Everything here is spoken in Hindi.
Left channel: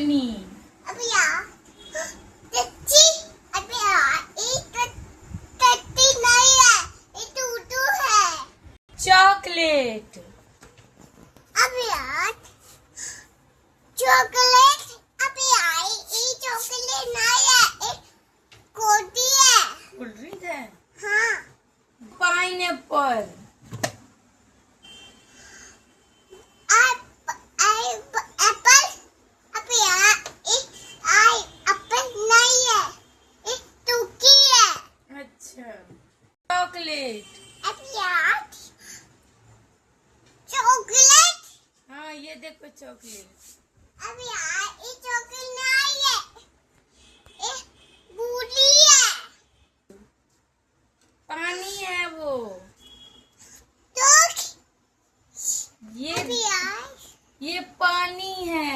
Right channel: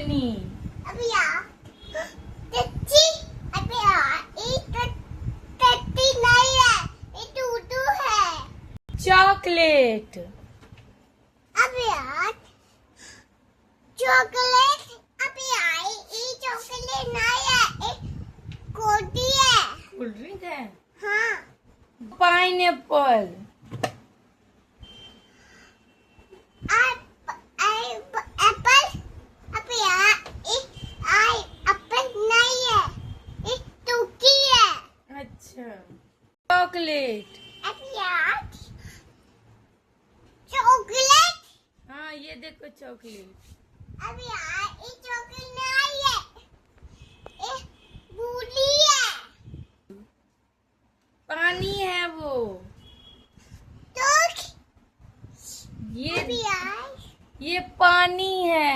चटनी। अभी यार टट्टी, अभी यार ये टट्टी नहीं है, ये टूटू है। चॉकलेट। अभी यार चॉकलेट, अभी यार ये चॉकलेट नहीं है, ये कोटी है। कोल्ड ड्रिंक है। हाँ। पाइनएप्पल। एप्पल, अभी यार एप्पल नहीं है, ये टूकी है। अच्छा। चॉकलेट। अभी यार चॉकलेट, हाँ ये देखो चॉकलेट। अभी यार ये चॉकलेट नहीं है, ये बूटी है। पानी है वो। तो ये अभी यार ये पानी है।